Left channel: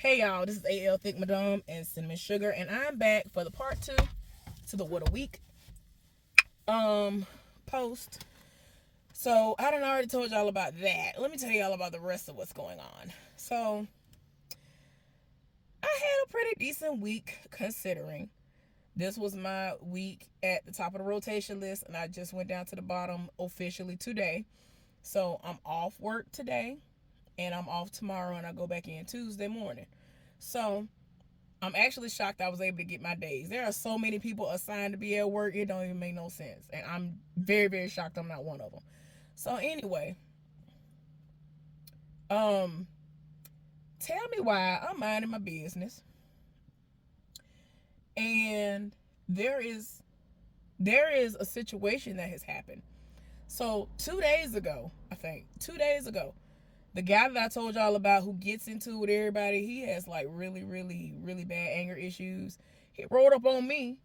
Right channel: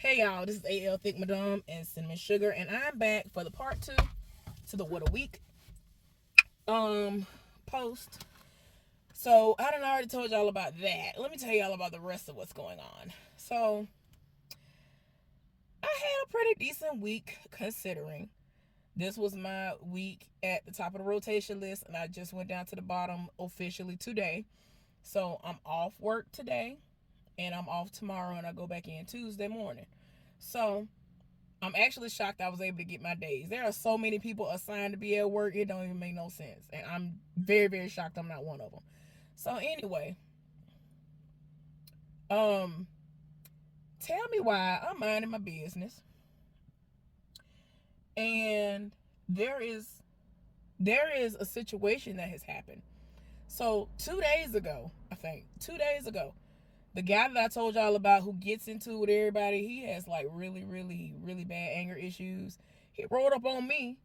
Hey y'all, this is AL Thick Madame and Cinnamon Sugar, and I'm back for the part two to the What a Week post. So I done already told y'all about that. Let me tell y'all about the rest of what's going on. So I had a pretty decent week considering. This was my week at the top of the rotation list, and I just went down to the bottom officially today. So I'm off work today, and I'm off tomorrow, and I go back in Tuesday morning. So I'm actually shocked I was able to get my days. There are so many people assigned to be at work, it don't even make no sense. And I'm very, very shocked I'm not one of them. So anyway, um, tell me why I'm minding my business. And there is a situation that has happened. So 2 days ago, I think, 2 days ago, the guy that I told y'all about who gets into it with everybody, he has like really, really, really bad anger issues. He rolled up on me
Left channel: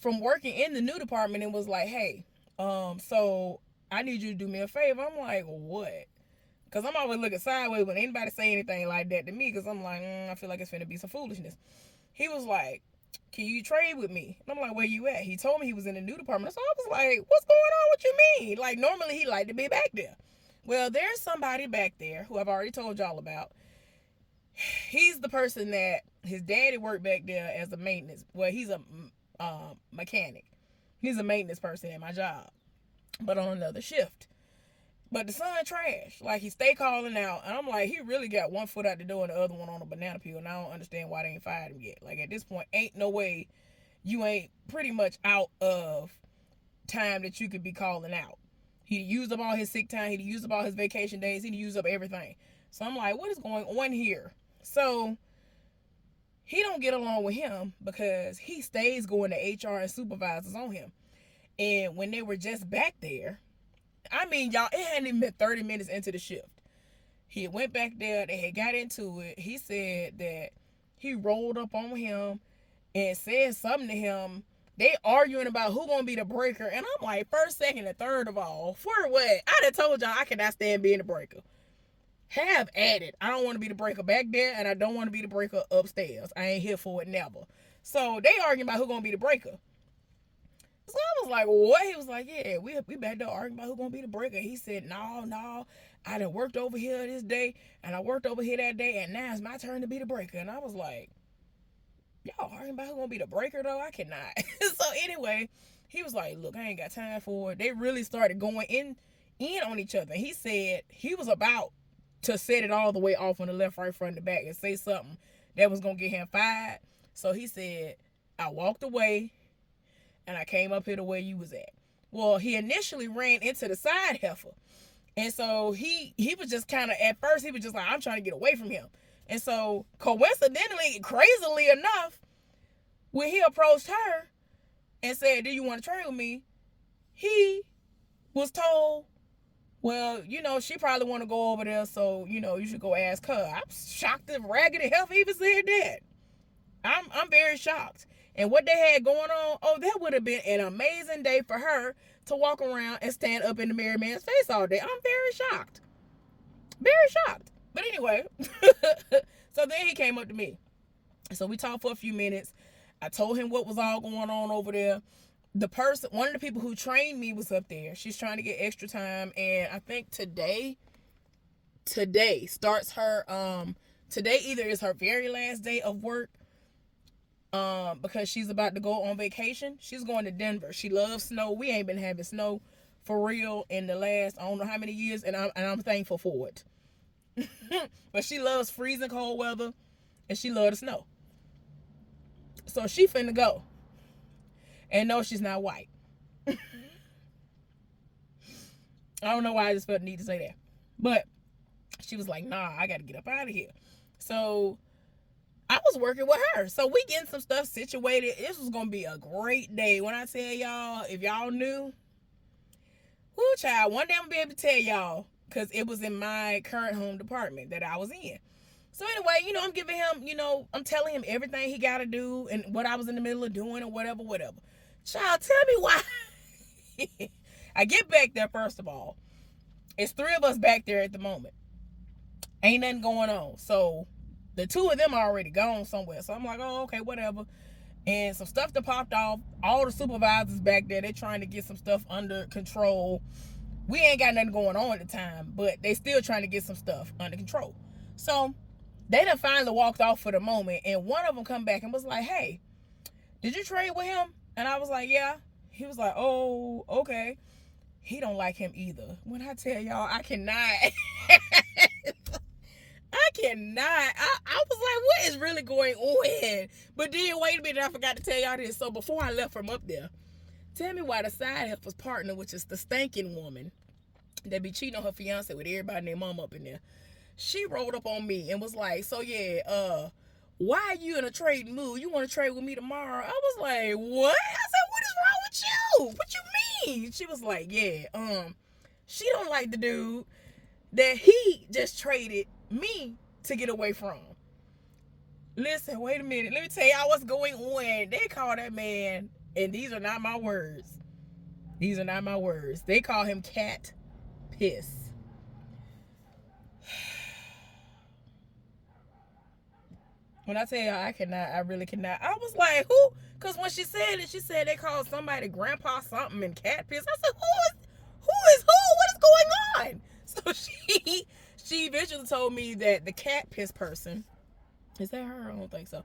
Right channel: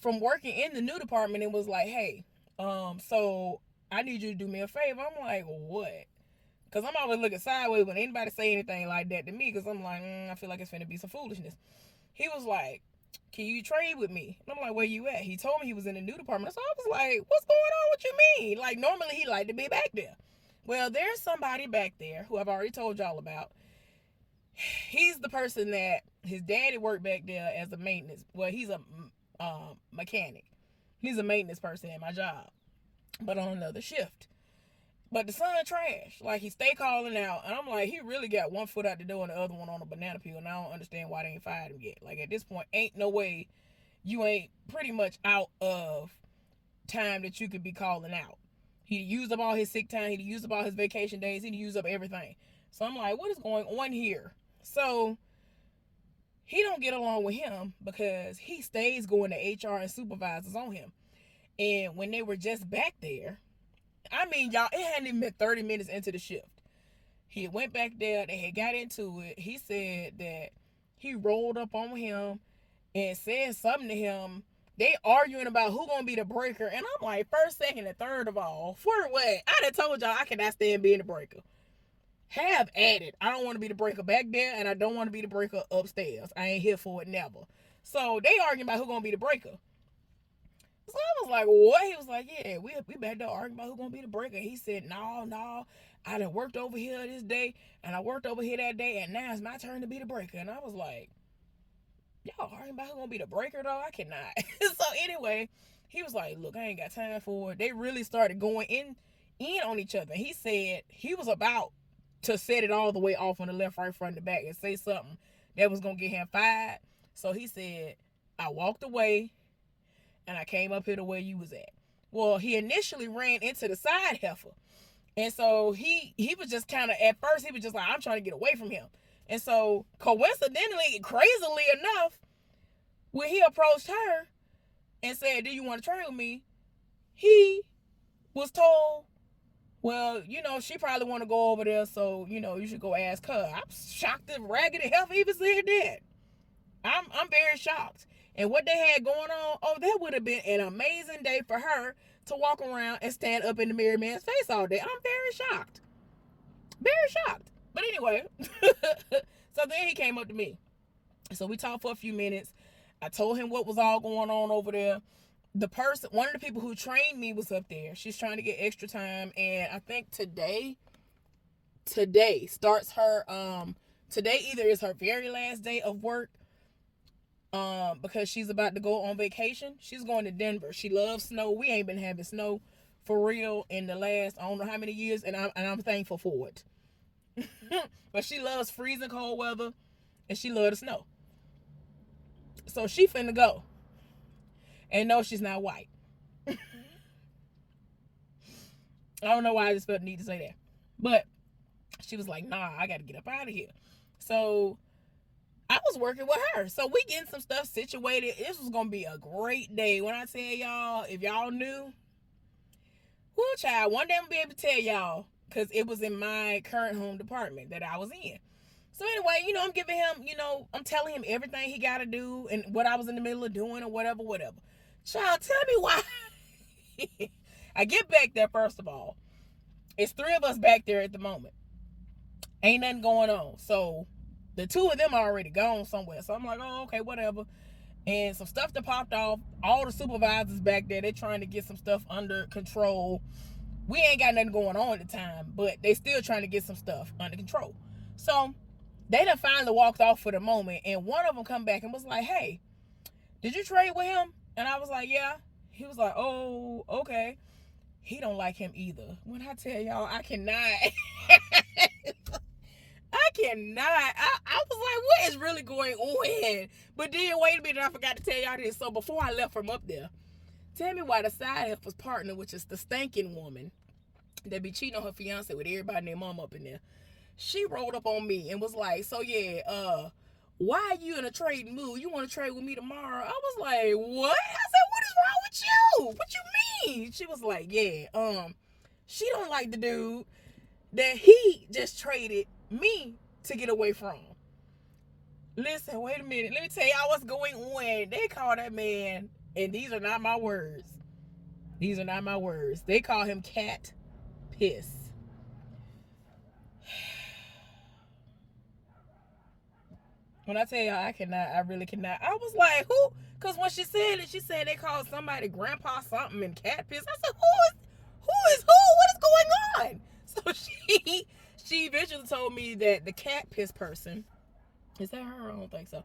from working in the new department and was like, hey, so I need you to do me a favor. I'm like, what? Because I'm always looking sideways when anybody say anything like that to me, because I'm like, I feel like it's finna be some foolishness. He was like, can you trade with me? And I'm like, where you at? He told me he was in the new department. So I was like, what's going on? What you mean? Like, normally he like to be back there. Well, there's somebody back there who I've already told y'all about. He's the person that his daddy worked back there as a maintenance. Well, he's a mechanic. He's a maintenance person at my job, but on another shift. But the son trash. Like, he stay calling out, and I'm like, he really got one foot out the door and the other one on a banana peel, and I don't understand why they ain't fired him yet. Like, at this point, ain't no way you ain't pretty much out of time that you could be calling out. He used up all his sick time. He used up all his vacation days. He used up everything. So I'm like, what is going on here? So he don't get along with him because he stays going to HR and supervisors on him. And when they were just back there, I mean, y'all, it hadn't even been 30 minutes into the shift. He went back there. They had got into it. He said that he rolled up on him and said something to him. They arguing about who gonna be the breaker, and I'm like, first, second, and third of all, for what? I done told y'all I cannot stand being the breaker. Have at it. I don't want to be the breaker back there, and I don't want to be the breaker upstairs. I ain't here for it, never. So they arguing about who gonna be the breaker. So I was like, what? He was like, yeah, we back there arguing about who gonna be the breaker. He said, no, I done worked over here this day, and I worked over here that day, and now it's my turn to be the breaker. And I was like, y'all arguing about who gonna be the breaker though? I cannot. So anyway, he was like, look, I ain't got time for it. They really started going in on each other. He said he was about to set it all the way off on the left, right, front, and back and say something that was gonna get him fired. So he said, I walked away and I came up here to where you was at. Well, he initially ran into the side heifer. And so he was just kind of, at first, he was just like, I'm trying to get away from him. And so, coincidentally, crazily enough, when he approached her and said, do you want to trade with me? He was told, well, she probably want to go over there, so, you should go ask her. I'm shocked that Raggedy Heifer even said that. I'm very shocked. And what they had going on, that would have been an amazing day for her to walk around and stand up in the married man's face all day. I'm very shocked. Very shocked. But anyway, so then he came up to me. So we talked for a few minutes. I told him what was all going on over there. One of the people who trained me was up there. She's trying to get extra time. And I think today starts her, today either is her very last day of work, because she's about to go on vacation. She's going to Denver. She loves snow. We ain't been having snow for real in the last, I don't know how many years, and I'm thankful for it. But she loves freezing cold weather, and she loves the snow. So she finna go. And no, she's not white. I don't know why I just felt the need to say that. But she was like, nah, I gotta get up out of here. So I was working with her. So we getting some stuff situated. This was gonna be a great day. When I tell y'all, if y'all knew, whoo child, one day I'm gonna be able to tell y'all, because it was in my current home department that I was in. So anyway, I'm giving him, I'm telling him everything he gotta do and what I was in the middle of doing or whatever. Child, tell me why. I get back there, first of all. It's three of us back there at the moment. Ain't nothing going on. So The two of them are already gone somewhere. So I'm like, oh, okay, whatever. And some stuff that popped off. All the supervisors back there, they're trying to get some stuff under control. We ain't got nothing going on at the time, but they still trying to get some stuff under control. So they done finally walked off for the moment, and one of them come back and was like, hey, did you trade with him? And I was like, yeah. He was like, oh, okay. He don't like him either. When I tell y'all, I cannot. I cannot. I was like, what is really going on? But then, wait a minute, I forgot to tell y'all this. So before I left from up there, tell me why the side helper's partner, which is the stinking woman that be cheating on her fiance with everybody and their mom up in there, she rolled up on me and was like, so yeah, why are you in a trading mood? You want to trade with me tomorrow? I was like, what? I said, what is wrong with you? What you mean? She was like, yeah, she don't like the dude that he just traded me to get away from. Listen, wait a minute. Let me tell y'all what's going on. They call that man, and these are not my words. These are not my words. They call him Cat Piss. When I tell you I cannot, I really cannot. I was like, who? Because when she said it, she said they called somebody Grandpa something and Cat Piss. I said, who is who? What is going on? So she eventually told me that the Cat Piss person, is that her? I don't think so.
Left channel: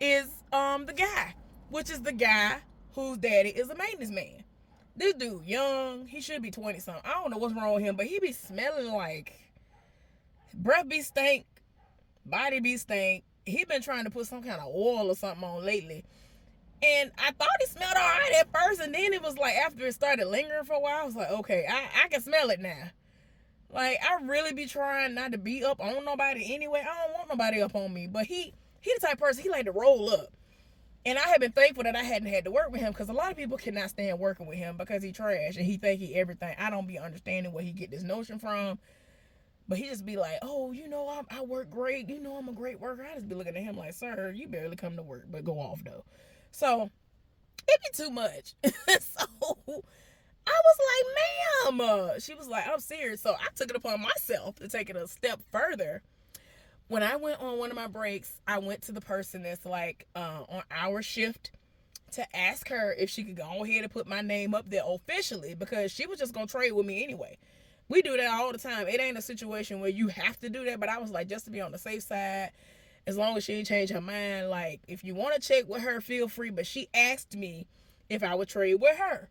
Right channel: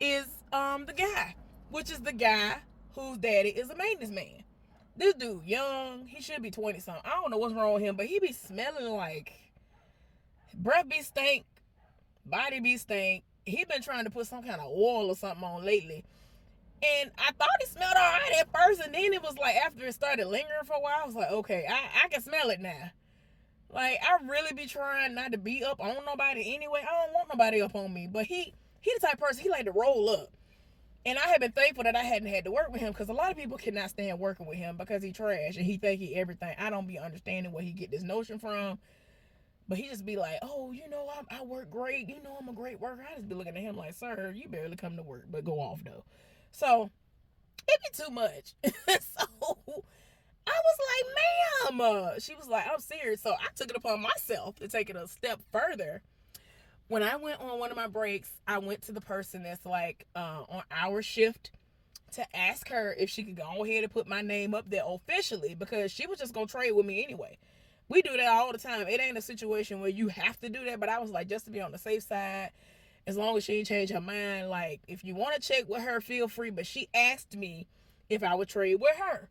Is the guy, which is the guy whose daddy is a maintenance man. This dude young, he should be 20 something. I don't know what's wrong with him, but he be smelling like breath be stink, body be stink. He been trying to put some kind of oil or something on lately. And I thought he smelled all right at first, and then it was like after it started lingering for a while, I was like, okay, I can smell it now. Like, I really be trying not to be up on nobody anyway. I don't want nobody up on me. But he the type of person, he like to roll up. And I have been thankful that I hadn't had to work with him, because a lot of people cannot stand working with him because he trash and he think he everything. I don't be understanding where he get this notion from. But he just be like, oh, you know, I work great. You know, I'm a great worker. I just be looking at him like, sir, you barely come to work, but go off, though. So, it be too much. So, I was like, ma'am. She was like, I'm serious. So, I took it upon myself to take it a step further. When I went on one of my breaks, I went to the person that's like on our shift to ask her if she could go ahead and put my name up there officially, because she was just going to trade with me anyway. We do that all the time. It ain't a situation where you have to do that, but I was like, just to be on the safe side, as long as she ain't changed her mind, like, if you want to check with her, feel free. But she asked me if I would trade with her.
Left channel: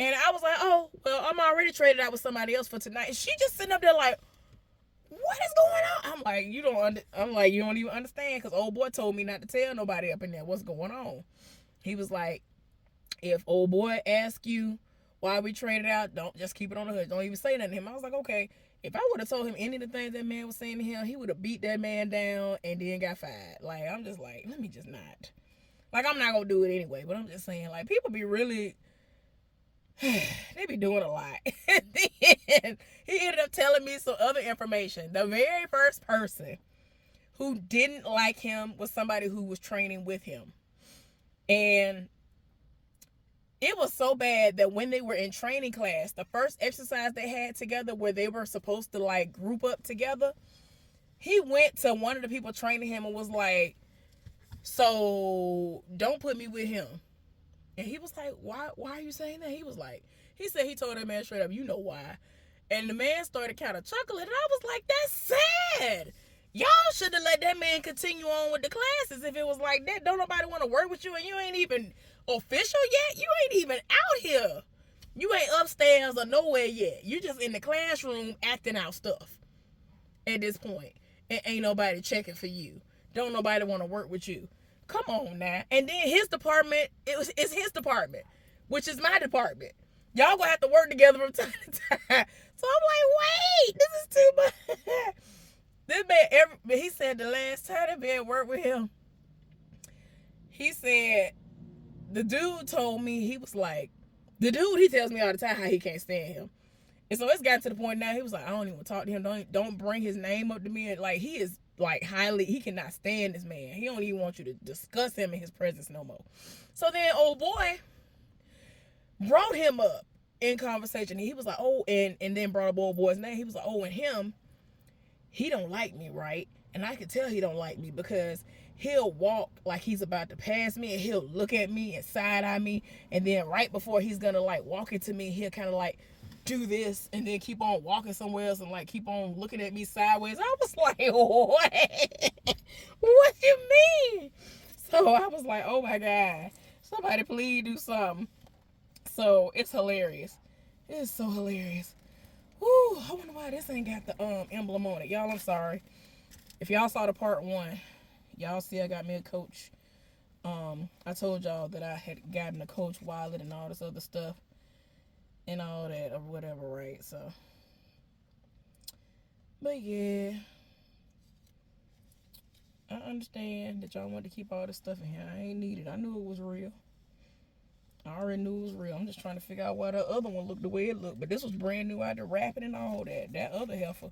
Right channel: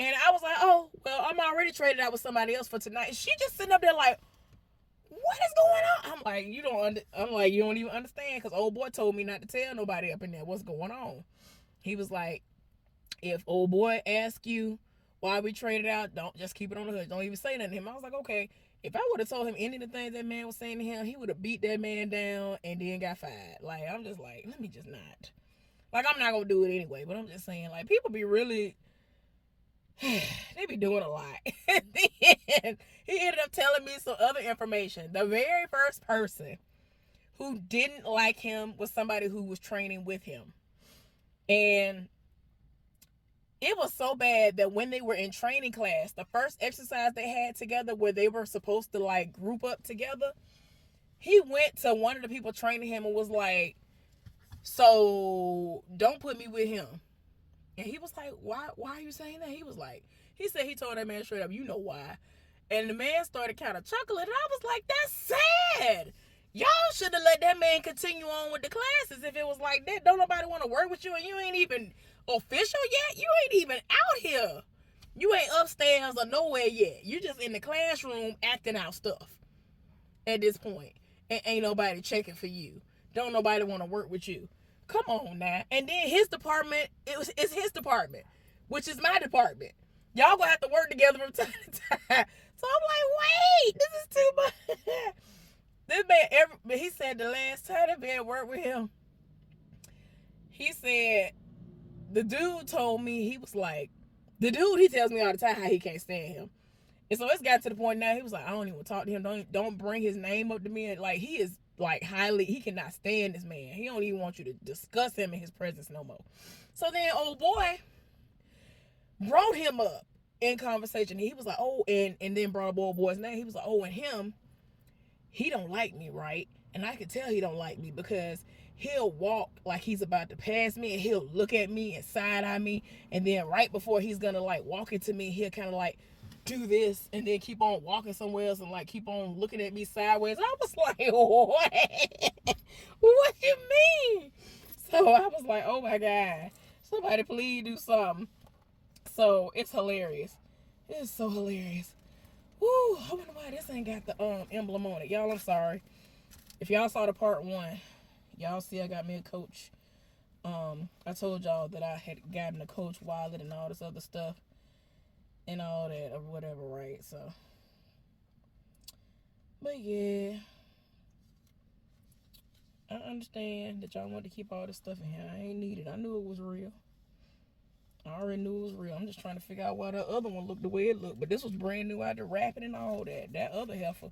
And I was like, oh, well, I'm already traded out with somebody else for tonight. And she just sitting up there like, what is going on? I'm like, you don't even understand, because old boy told me not to tell nobody up in there what's going on. He was like, if old boy asks you why we traded out, don't just keep it on the hood. Don't even say nothing to him. I was like, okay. If I would have told him any of the things that man was saying to him, he would have beat that man down and then got fired. Like, I'm just like, let me just not. Like, I'm not going to do it anyway, but I'm just saying, like, people be really, they be doing a lot. And then he ended up telling me some other information. The very first person who didn't like him was somebody who was training with him. And it was so bad that when they were in training class, the first exercise they had together where they were supposed to like group up together, he went to one of the people training him and was like, so don't put me with him. And he was like, why are you saying that? He said he told that man straight up, you know why. And the man started kind of chuckling, and I was like, that's sad. Y'all should have let that man continue on with the classes if it was like that. Don't nobody want to work with you, and you ain't even official yet. You ain't even out here. You ain't upstairs or nowhere yet. You just in the classroom acting out stuff at this point. And ain't nobody checking for you. Don't nobody want to work with you. Come on now. And then his department, it's his department, which is my department. Y'all gonna have to work together from time to time. So I'm like, wait, this is too much. This man, he said the last time that man worked with him, he said, the dude told me, he was like, the dude, he tells me all the time how he can't stand him. And so it's got to the point now, he was like, I don't even talk to him. Don't bring his name up to me. And like, he is like he cannot stand this man. He don't even want you to discuss him in his presence no more. So then old boy brought him up in conversation. He was like, oh, and then brought up old boy's name. He was like, oh, and him, he don't like me, right? And I could tell he don't like me because he'll walk like he's about to pass me, and he'll look at me and side eye me, and then right before he's gonna like walk into me, he'll kind of like do this and then keep on walking somewhere else and like keep on looking at me sideways. I was like, what? What you mean? So I was like, oh my God, somebody please do something. So it's hilarious. It's so hilarious. Woo, I wonder why this ain't got the emblem on it. Y'all, I'm sorry. If y'all saw the part 1, y'all see I got me a Coach. I told y'all that I had gotten a Coach wallet and all this other stuff and all that or whatever, right? So, but yeah, I understand that y'all want to keep all this stuff in here. I ain't need it. I knew it was real. I already knew it was real. I'm just trying to figure out why the other one looked the way it looked. But this was brand new out the wrapping and all that. That other heifer,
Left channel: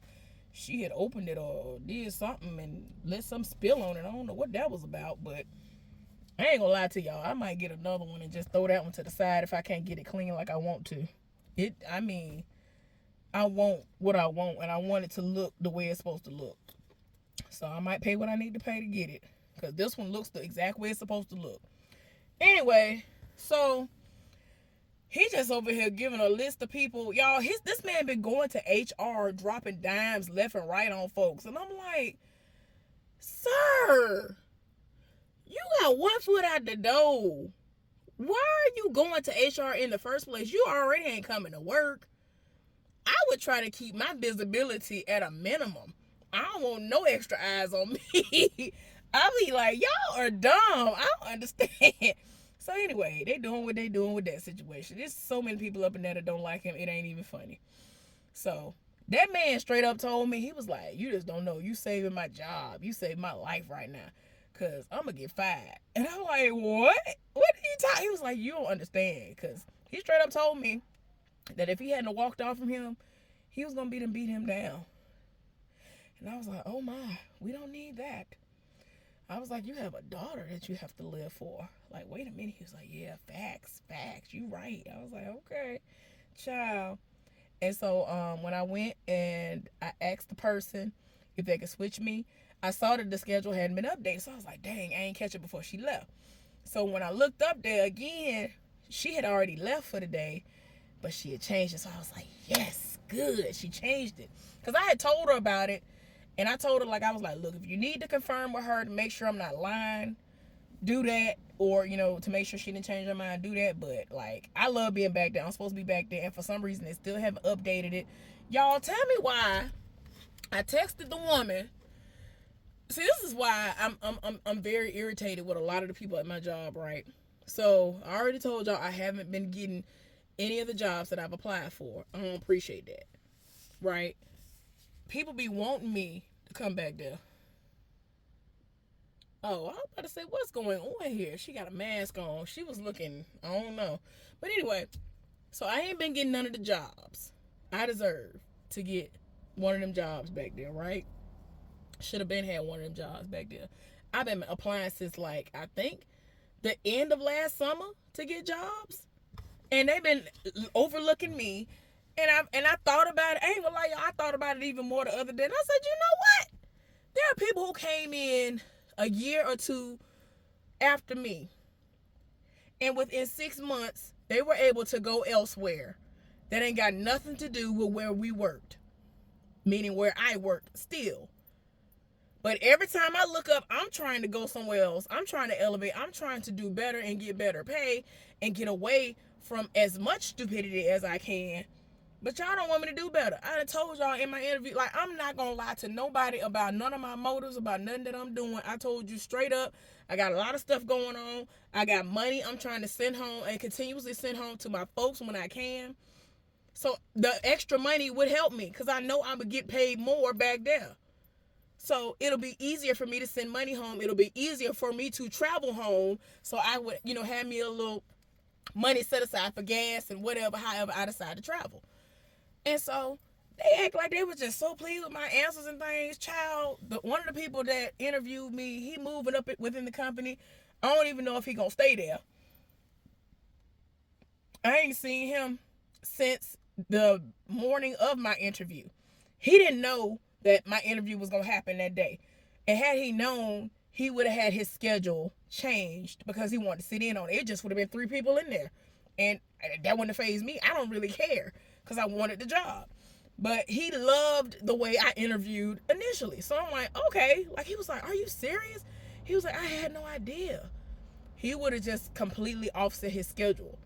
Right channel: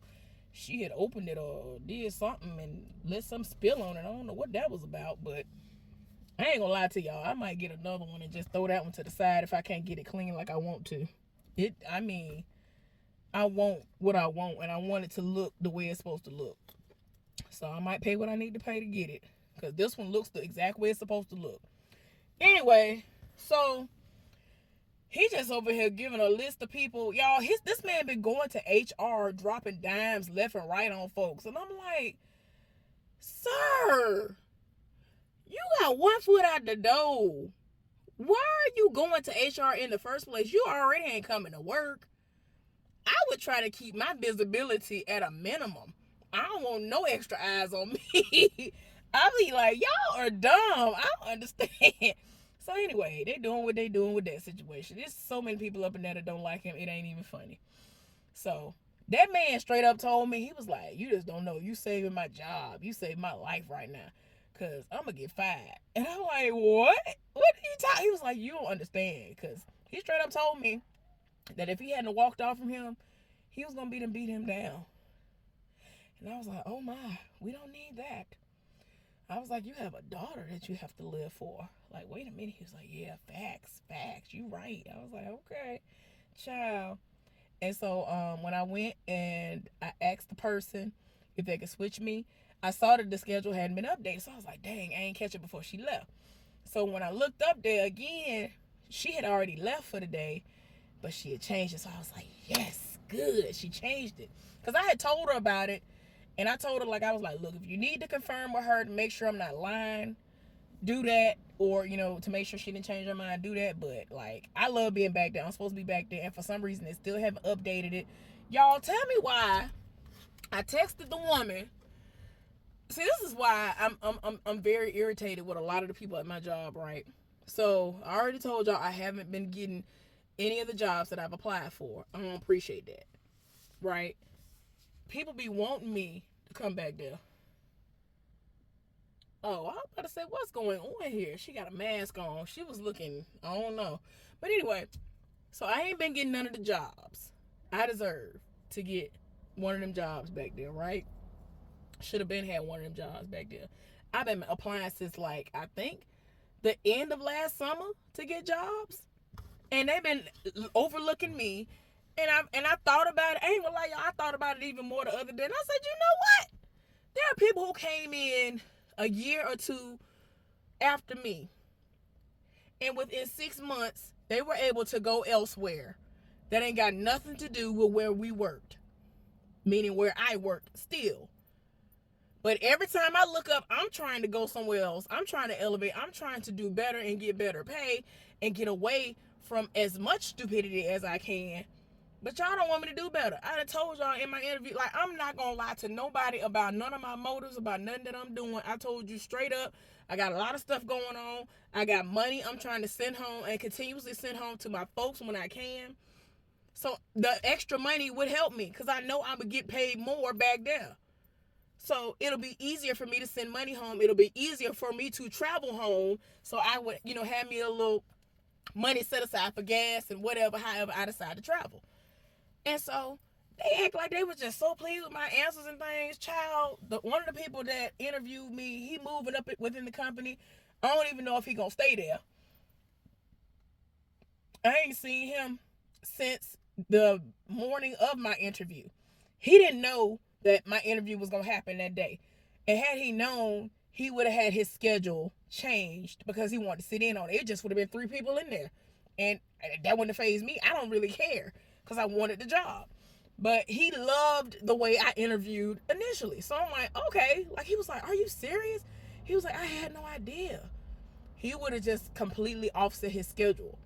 she had opened it or did something and let some spill on it. I don't know what that was about, but I ain't gonna lie to y'all. I might get another one and just throw that one to the side if I can't get it clean like I want to. I want what I want, and I want it to look the way it's supposed to look. So I might pay what I need to pay to get it, because this one looks the exact way it's supposed to look. Anyway, so he just over here giving a list of people. Y'all, this man been going to HR, dropping dimes left and right on folks. And I'm like, sir, you got one foot out the door. Why are you going to HR in the first place? You already ain't coming to work. I would try to keep my visibility at a minimum. I don't want no extra eyes on me. I be like, y'all are dumb. I don't understand. So anyway, they doing what they doing with that situation. There's so many people up in there that don't like him. It ain't even funny. So that man straight up told me, he was like, you just don't know. You saving my job. You saving my life right now. Because I'm going to get fired. And I'm like, what? What did you talk? He was like, you don't understand. Because he straight up told me that if he hadn't walked off from him, he was going to beat him down. And I was like, oh my, we don't need that. I was like, you have a daughter that you have to live for. Like, wait a minute. He was like, yeah, facts. You right. I was like, okay, child. And so when I went and I asked the person if they could switch me, I saw that the schedule hadn't been updated. So I was like, dang, I ain't catch it before she left. So when I looked up there again, she had already left for the day, but she had changed it. So I was like, yes, good. She changed it. Because I had told her about it. And I told her, like, I was like, look, if you need to confirm with her to make sure I'm not lying, do that. Or, you know, to make sure she didn't change her mind, do that. But, like, I love being back there. I'm supposed to be back there. And for some reason, they still haven't updated it. Y'all, tell me why. I texted the woman. See, this is why I'm very irritated with a lot of the people at my job, right? So, I already told y'all I haven't been getting any of the jobs that I've applied for. I don't appreciate that, right? People be wanting me to come back there. Oh, I was about to say, what's going on here? She got a mask on. She was looking, I don't know. But anyway, so I ain't been getting none of the jobs. I deserve to get one of them jobs back there, right? Should have been had one of them jobs back there. I've been applying since, like, I think the end of last summer to get jobs. And they've been overlooking me. And I thought about it. I ain't gonna lie, y'all. I thought about it even more the other day. And I said, you know what? There are people who came in a year or two after me. And within 6 months, they were able to go elsewhere. That ain't got nothing to do with where we worked. Meaning where I worked still. But every time I look up, I'm trying to go somewhere else. I'm trying to elevate. I'm trying to do better and get better pay and get away from as much stupidity as I can. But y'all don't want me to do better. I done told y'all in my interview, like, I'm not going to lie to nobody about none of my motives, about nothing that I'm doing. I told you straight up, I got a lot of stuff going on. I got money I'm trying to send home and continuously send home to my folks when I can. So the extra money would help me because I know I would get paid more back there. So it'll be easier for me to send money home. It'll be easier for me to travel home. So I would, have me a little money set aside for gas and whatever, however I decide to travel. And so they act like they were just so pleased with my answers and things. Child, one of the people that interviewed me, he moving up within the company. I don't even know if he gonna stay there. I ain't seen him since the morning of my interview. He didn't know that my interview was gonna happen that day. And had he known, he would have had his schedule changed because he wanted to sit in on it. It just would have been 3 people in there. And that wouldn't have phased me. I don't really care because I wanted the job. But he loved the way I interviewed initially. So I'm like, okay. Like, he was like, are you serious? He was like, I had no idea. He would have just completely offset his schedule.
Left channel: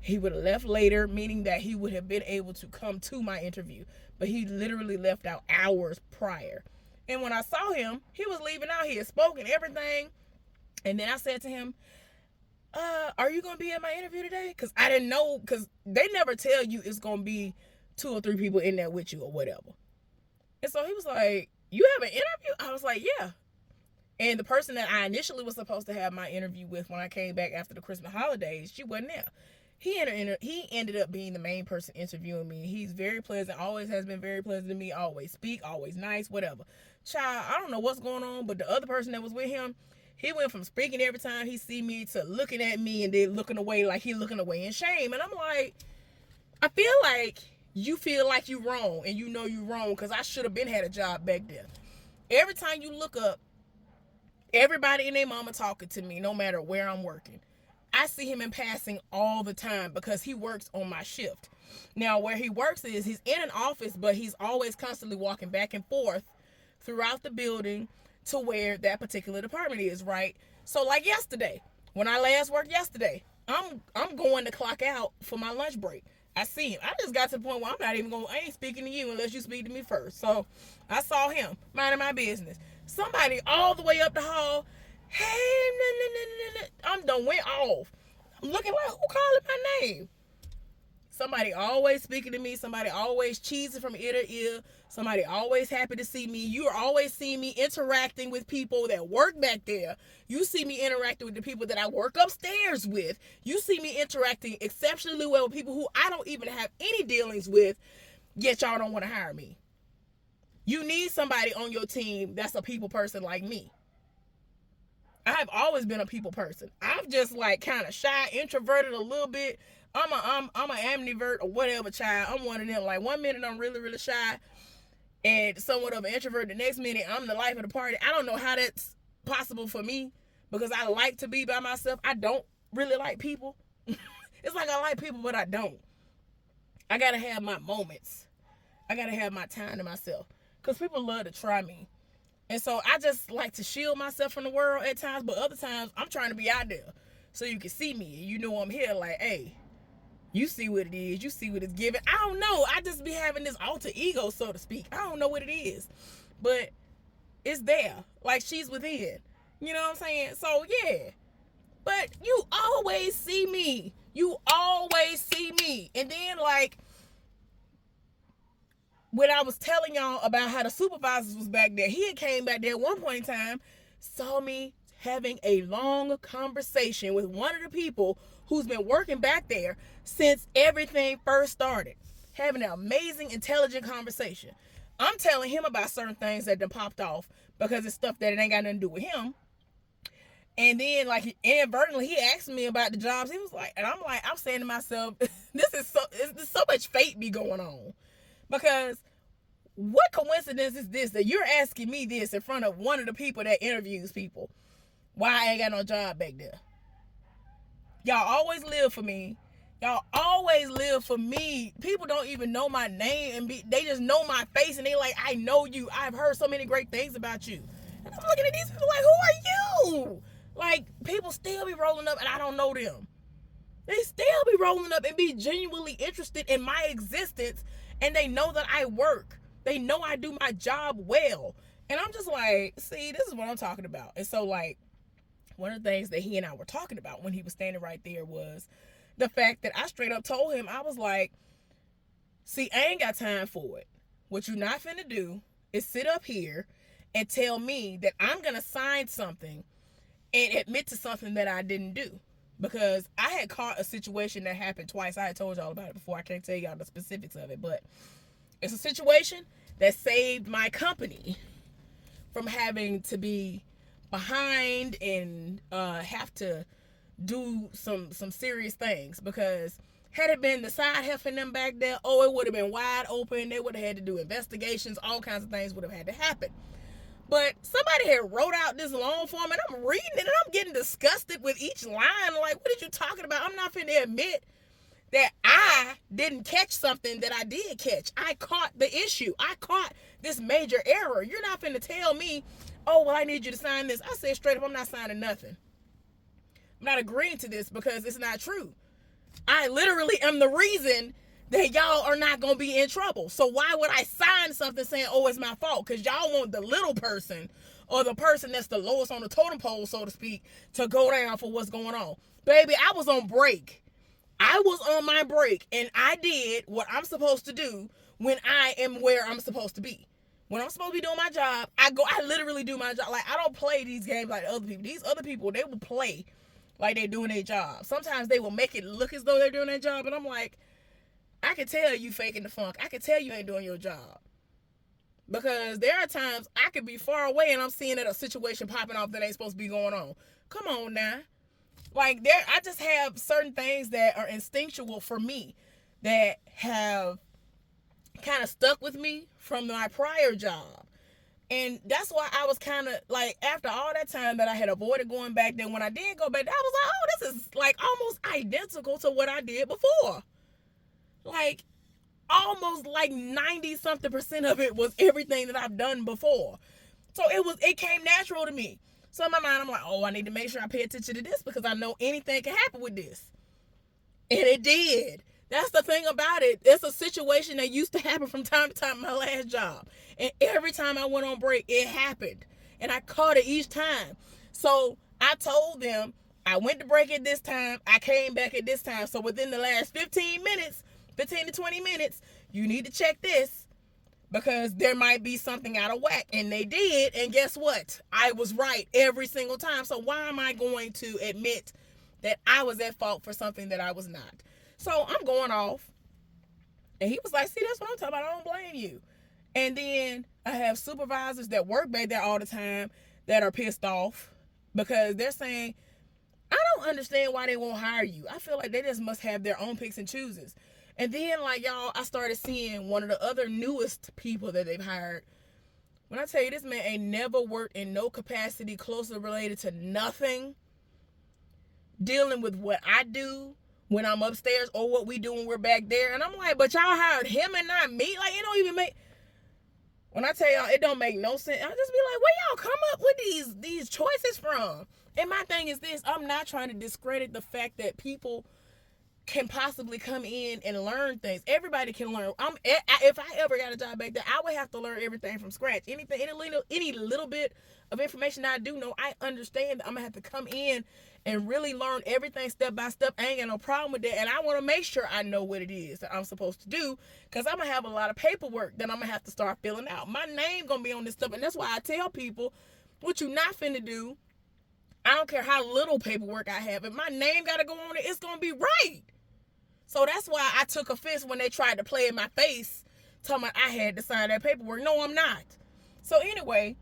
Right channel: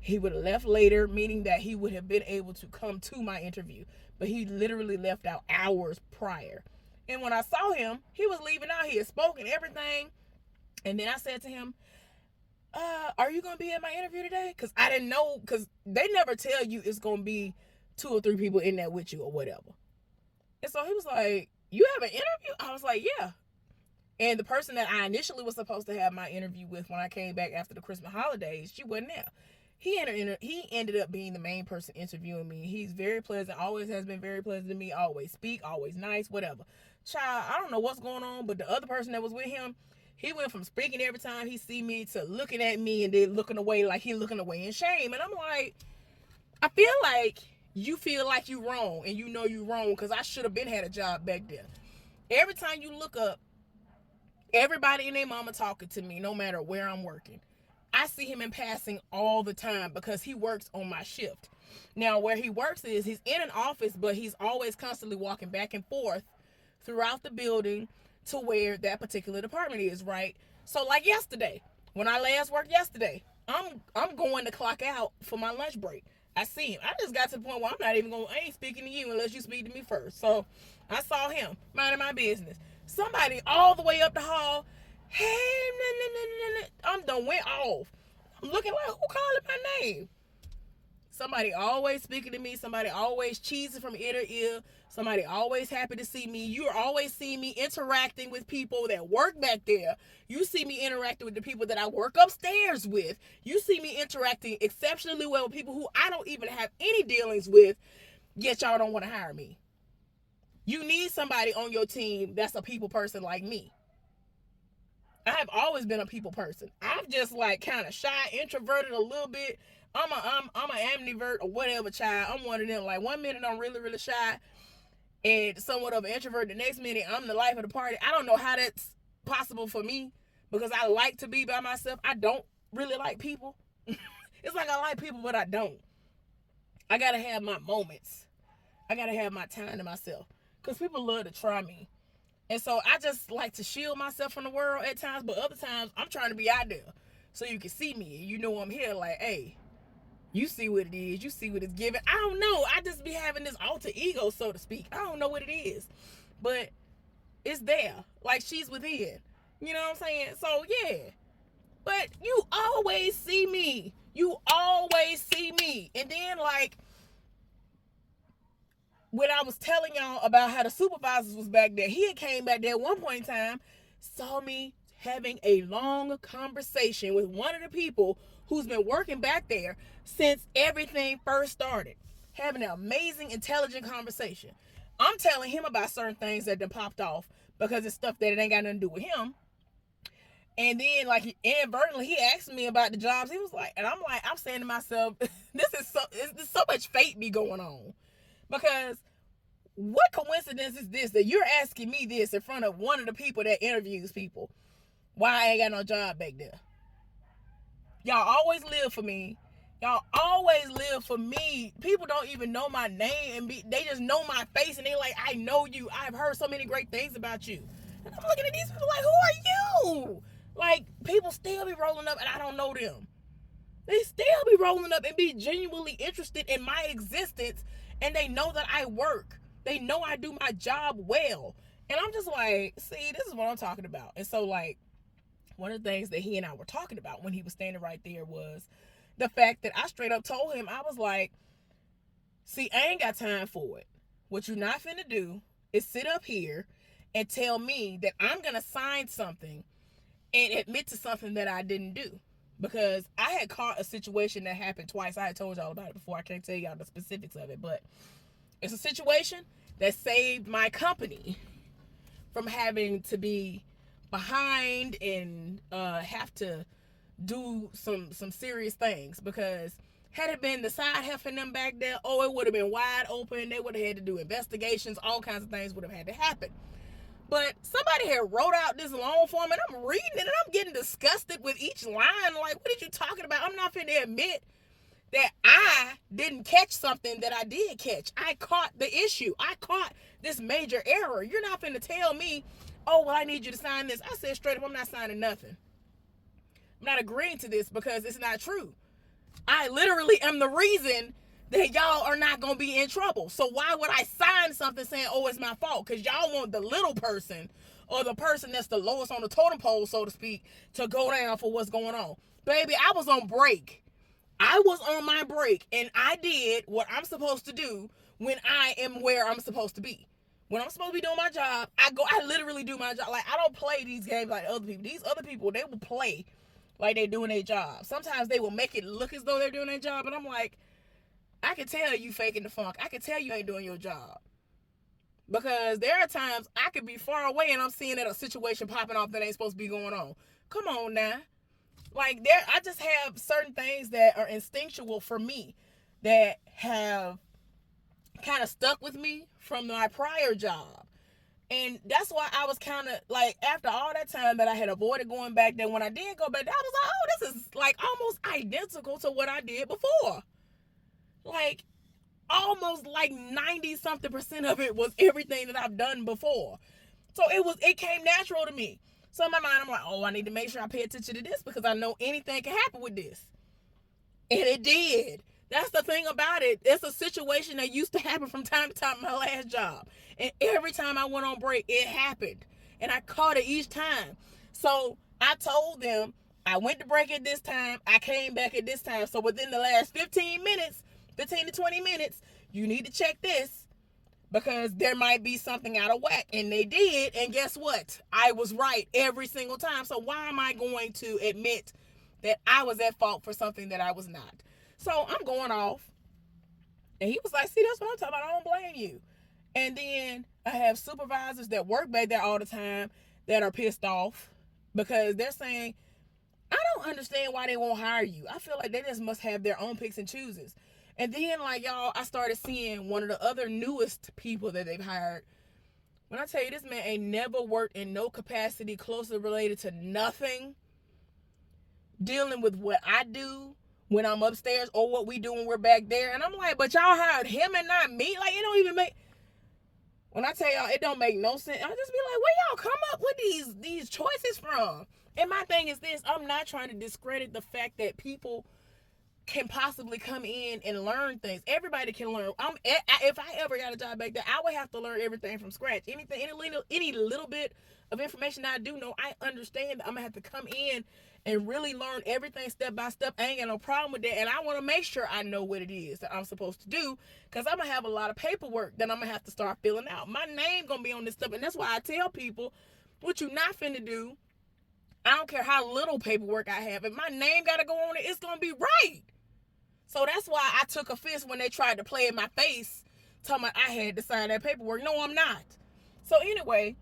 He would have left later, meaning that he would have been able to come to my interview. But he literally left out hours prior. And when I saw him, he was leaving out. He had spoken everything. And then I said to him, are you going to be at my interview today? Because I didn't know, because they never tell you it's going to be 2 or 3 people in there with you or whatever. And so he was like, you have an interview? I was like, yeah. And the person that I initially was supposed to have my interview with when I came back after the Christmas holidays, she wasn't there. He ended up being the main person interviewing me. He's very pleasant, always has been very pleasant to me, always speak, always nice, whatever. Child, I don't know what's going on, but the other person that was with him, he went from speaking every time he see me to looking at me and then looking away like he looking away in shame. And I'm like, I feel like you feel like you wrong and you know you wrong because I should have been had a job back there. Every time you look up, everybody and their mama talking to me, no matter where I'm working. I see him in passing all the time because he works on my shift. Now, where he works is he's in an office, but he's always constantly walking back and forth throughout the building to where that particular department is, right? So, like yesterday, when I last worked yesterday, I'm going to clock out for my lunch break. I see him. I just got to the point where I ain't speaking to you unless you speak to me first. So I saw him minding my business. Somebody all the way up the hall, hey, I'm done went off. I'm looking like, who calling my name? Somebody always speaking to me. Somebody always cheesing from ear to ear. Somebody always happy to see me. You're always seeing me interacting with people that work back there. You see me interacting with the people that I work upstairs with. You see me interacting exceptionally well with people who I don't even have any dealings with, yet y'all don't want to hire me. You need somebody on your team that's a people person like me. I have always been a people person. I'm just like kind of shy, introverted a little bit. I'm an ambivert or whatever, child. I'm one of them. Like, one minute I'm really, really shy and somewhat of an introvert. The next minute I'm the life of the party. I don't know how that's possible for me because I like to be by myself. I don't really like people. It's like I like people, but I don't. I got to have my moments. I got to have my time to myself because people love to try me. And so I just like to shield myself from the world at times, but other times I'm trying to be out there so you can see me and you know I'm here. Like, hey, you see what it is. You see what it's giving. I don't know. I just be having this alter ego, so to speak. I don't know what it is, but it's there. Like, she's within. You know what I'm saying? So, yeah. But you always see me. You always see me. And then, like, when I was telling y'all about how the supervisors was back there, he had came back there at one point in time, saw me having a long conversation with one of the people who's been working back there since everything first started. Having an amazing, intelligent conversation. I'm telling him about certain things that done popped off because it's stuff that it ain't got nothing to do with him. And then, like, inadvertently, he asked me about the jobs. He was like, and I'm like, I'm saying to myself, there's so much fate be going on. Because what coincidence is this that you're asking me this in front of one of the people that interviews people? Why I ain't got no job back there? Y'all always live for me. Y'all always live for me. People don't even know my name and they just know my face and they like, I know you. I've heard so many great things about you. And I'm looking at these people like, who are you? Like, people still be rolling up and I don't know them. They still be rolling up and be genuinely interested in my existence, and they know that I work. They know I do my job well. And I'm just like, see, this is what I'm talking about. And so, like, one of the things that he and I were talking about when he was standing right there was the fact that I straight up told him, I was like, see, I ain't got time for it. What you not finna do is sit up here and tell me that I'm gonna sign something and admit to something that I didn't do. Because I had caught a situation that happened twice. I had told y'all about it before. I can't tell y'all the specifics of it, but it's a situation that saved my company from having to be behind and have to do some serious things. Because had it been the side heffing them back there, it would have been wide open. They would have had to do investigations. All kinds of things would have had to happen. But somebody had wrote out this long form, and I'm reading it, and I'm getting disgusted with each line. Like, what are you talking about? I'm not finna admit that I didn't catch something that I did catch. I caught the issue. I caught this major error. You're not finna tell me, oh, well, I need you to sign this. I said straight up, I'm not signing nothing. I'm not agreeing to this because it's not true. I literally am the reason that y'all are not going to be in trouble. So why would I sign something saying, oh, it's my fault? Because y'all want the little person or the person that's the lowest on the totem pole, so to speak, to go down for what's going on. Baby, I was on break. I was on my break, and I did what I'm supposed to do when I am where I'm supposed to be. When I'm supposed to be doing my job, I literally do my job. Like, I don't play these games like other people. These other people, they will play like they're doing their job. Sometimes they will make it look as though they're doing their job, and I'm like, I can tell you faking the funk. I can tell you ain't doing your job. Because there are times I could be far away and I'm seeing that a situation popping off that ain't supposed to be going on. Come on now. Like, I just have certain things that are instinctual for me that have kind of stuck with me from my prior job. And that's why I was kind of like, after all that time that I had avoided going back there, when I did go back there, I was like, oh, this is like almost identical to what I did before. Like, almost like 90-something% of it was everything that I've done before. So it came natural to me. So in my mind, I'm like, oh, I need to make sure I pay attention to this because I know anything can happen with this. And it did. That's the thing about it. It's a situation that used to happen from time to time in my last job. And every time I went on break, it happened. And I caught it each time. So I told them, I went to break at this time. I came back at this time. So within the last 15 to 20 minutes, you need to check this because there might be something out of whack. And they did. And guess what? I was right every single time. So why am I going to admit that I was at fault for something that I was not? So I'm going off. And he was like, see, that's what I'm talking about. I don't blame you. And then I have supervisors that work back there all the time that are pissed off because they're saying, I don't understand why they won't hire you. I feel like they just must have their own picks and chooses. And then, like, y'all, I started seeing one of the other newest people that they've hired. When I tell you, this man ain't never worked in no capacity closely related to nothing dealing with what I do when I'm upstairs or what we do when we're back there. And I'm like, but y'all hired him and not me? Like, it don't even make... When I tell y'all, it don't make no sense. I'll just be like, where y'all come up with these choices from? And my thing is this, I'm not trying to discredit the fact that people can possibly come in and learn things. Everybody can learn. If I ever got a job back there, I would have to learn everything from scratch. Any little bit of information I do know, I understand that I'm gonna have to come in and really learn everything step by step. I ain't got no problem with that, and I want to make sure I know what it is that I'm supposed to do, because I'm gonna have a lot of paperwork that I'm gonna have to start filling out. My name gonna be on this stuff, and that's why I tell people, what you not finna do, I don't care how little paperwork I have, if my name gotta go on it, it's gonna be right. So that's why I took offense when they tried to play in my face, telling me I had to sign that paperwork. No, I'm not. So anyway,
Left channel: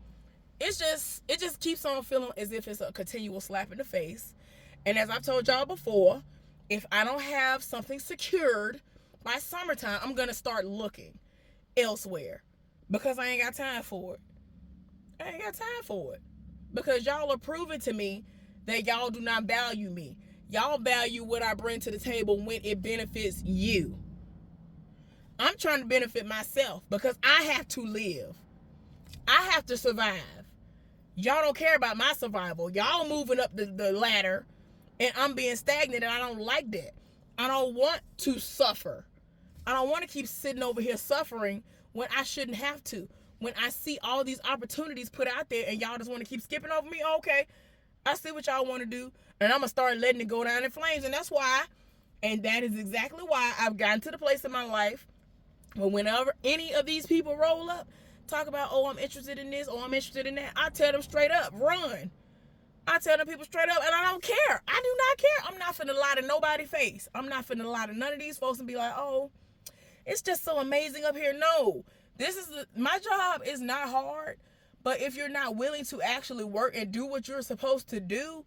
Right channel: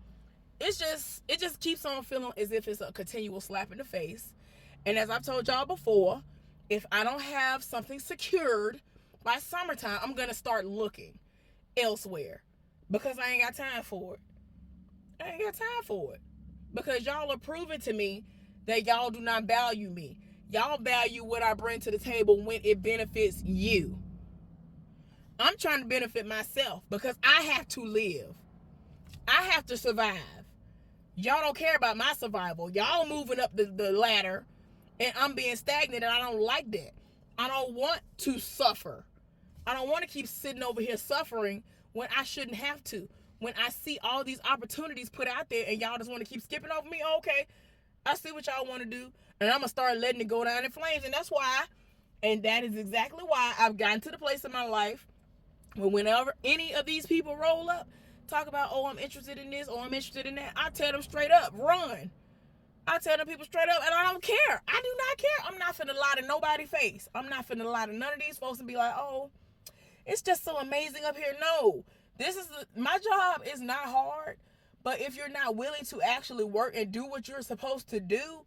it just keeps on feeling as if it's a continual slap in the face. And as I've told y'all before, if I don't have something secured by summertime, I'm gonna start looking elsewhere because I ain't got time for it. I ain't got time for it because y'all are proving to me that y'all do not value me. Y'all value what I bring to the table when it benefits you. I'm trying to benefit myself because I have to live. I have to survive. Y'all don't care about my survival. Y'all moving up the ladder and I'm being stagnant, and I don't like that. I don't want to suffer. I don't want to keep sitting over here suffering when I shouldn't have to. When I see all these opportunities put out there and y'all just want to keep skipping over me, okay, I see what y'all want to do, and I'm going to start letting it go down in flames. And that's why, and that is exactly why I've gotten to the place in my life where whenever any of these people roll up, talk about, oh, I'm interested in this, oh, I'm interested in that, I tell them straight up, run. I tell them people straight up, and I don't care. I do not care. I'm not finna lie to nobody's face. I'm not finna lie to none of these folks and be like, oh, it's just so amazing up here. No, my job is not hard. But if you're not willing to actually work and do what you're supposed to do,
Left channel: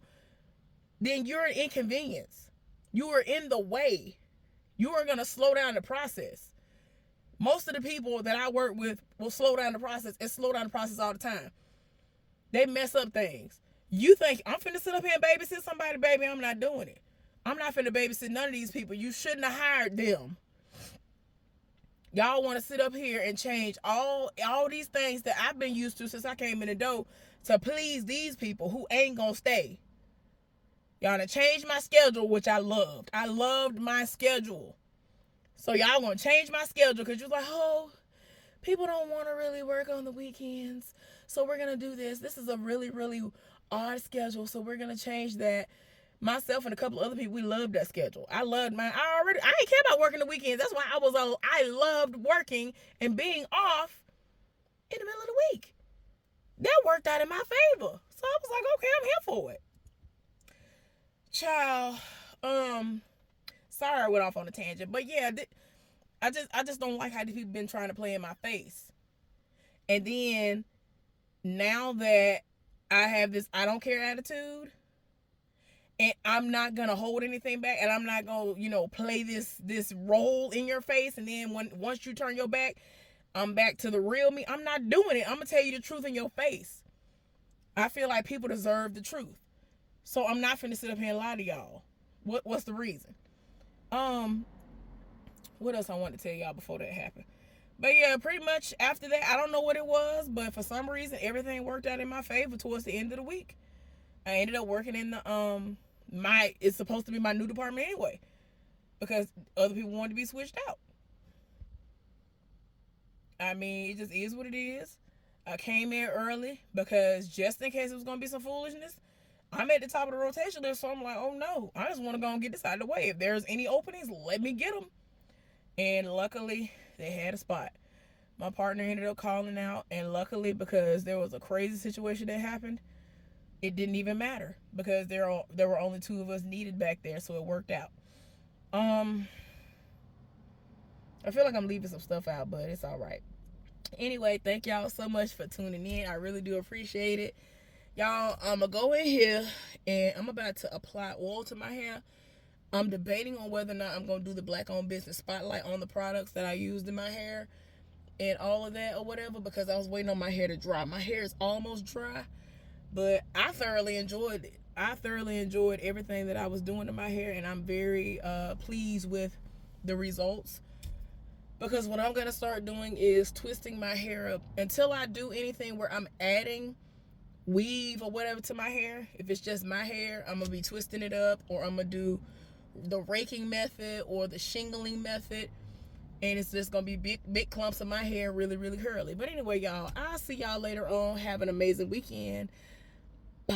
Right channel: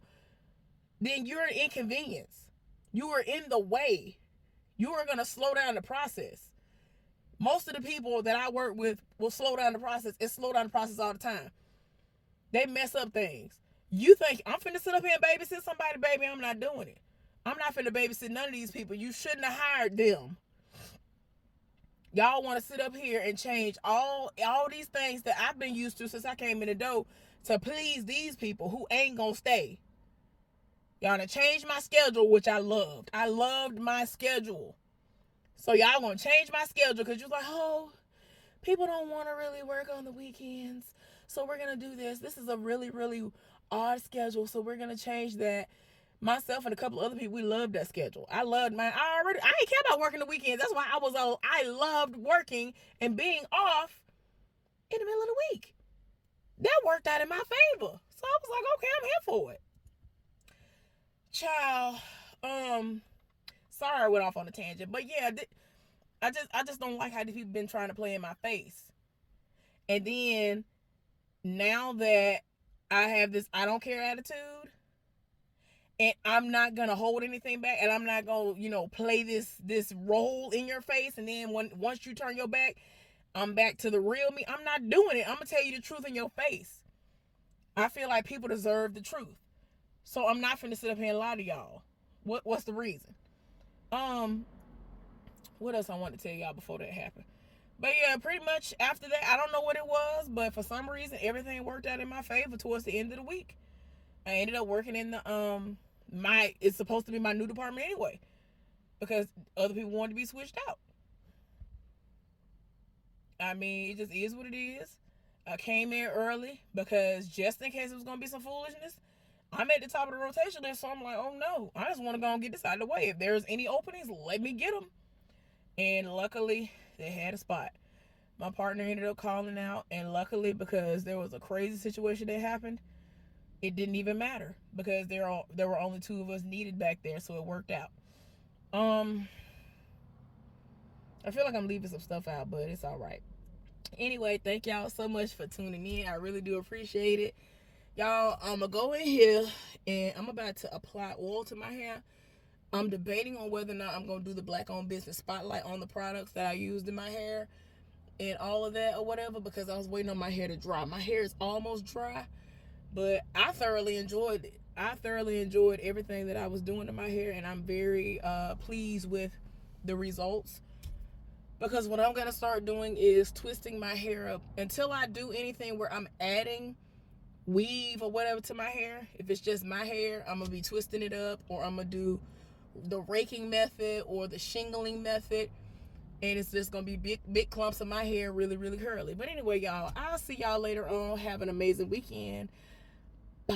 then you're an inconvenience. You are in the way. You are going to slow down the process. Most of the people that I work with will slow down the process and slow down the process all the time. They mess up things. You think I'm finna sit up here and babysit somebody, baby? I'm not doing it. I'm not finna babysit none of these people. You shouldn't have hired them. Y'all want to sit up here and change all these things that I've been used to since I came in the door to please these people who ain't gonna stay. Y'all done changed my schedule, which I loved. I loved my schedule. So y'all gonna change my schedule because you're like, oh, people don't want to really work on the weekends. So we're gonna do this. This is a really, really odd schedule. So we're gonna change that. Myself and a couple of other people, we loved that schedule. I loved I didn't care about working the weekends. That's why I loved working and being off in the middle of the week. That worked out in my favor. So I was like, okay, I'm here for it. Child, sorry I went off on a tangent, but yeah, I just don't like how these people been trying to play in my face. And then now that I have this I don't care attitude, and I'm not gonna hold anything back, and I'm not gonna, play this role in your face, and then once you turn your back, I'm back to the real me. I'm not doing it. I'm gonna tell you the truth in your face. I feel like people deserve the truth. So I'm not finna sit up here and lie to y'all. What's the reason? What else I want to tell y'all before that happened? But yeah, pretty much after that, I don't know what it was, but for some reason everything worked out in my favor towards the end of the week. I ended up working in the it's supposed to be my new department anyway, because other people wanted to be switched out. I mean, it just is what it is. I came in early because just in case it was gonna be some foolishness, I'm at the top of the rotation list, so I'm like, oh no, I just want to go and get this out of the way. If there's any openings, let me get them. And luckily, they had a spot. My partner ended up calling out, and luckily, because there was a crazy situation that happened, it didn't even matter because there were only 2 of us needed back there, so it worked out. I feel like I'm leaving some stuff out, but it's all right. Anyway, thank y'all so much for tuning in. I really do appreciate it. Y'all, I'm going to go in here and I'm about to apply oil to my hair. I'm debating on whether or not I'm going to do the Black-owned business spotlight on the products that I used in my hair and all of that or whatever, because I was waiting on my hair to dry. My hair is almost dry, but I thoroughly enjoyed it. I thoroughly enjoyed everything that I was doing to my hair, and I'm very pleased with the results. Because what I'm going to start doing is twisting my hair up. Until I do anything where I'm adding weave or whatever to my hair, if it's just my hair, I'm going to be twisting it up, or I'm going to do the raking method or the shingling method, and it's just going to be big clumps of my hair, really, really curly. But anyway, y'all, I'll see y'all later on. Have an amazing weekend. Bye.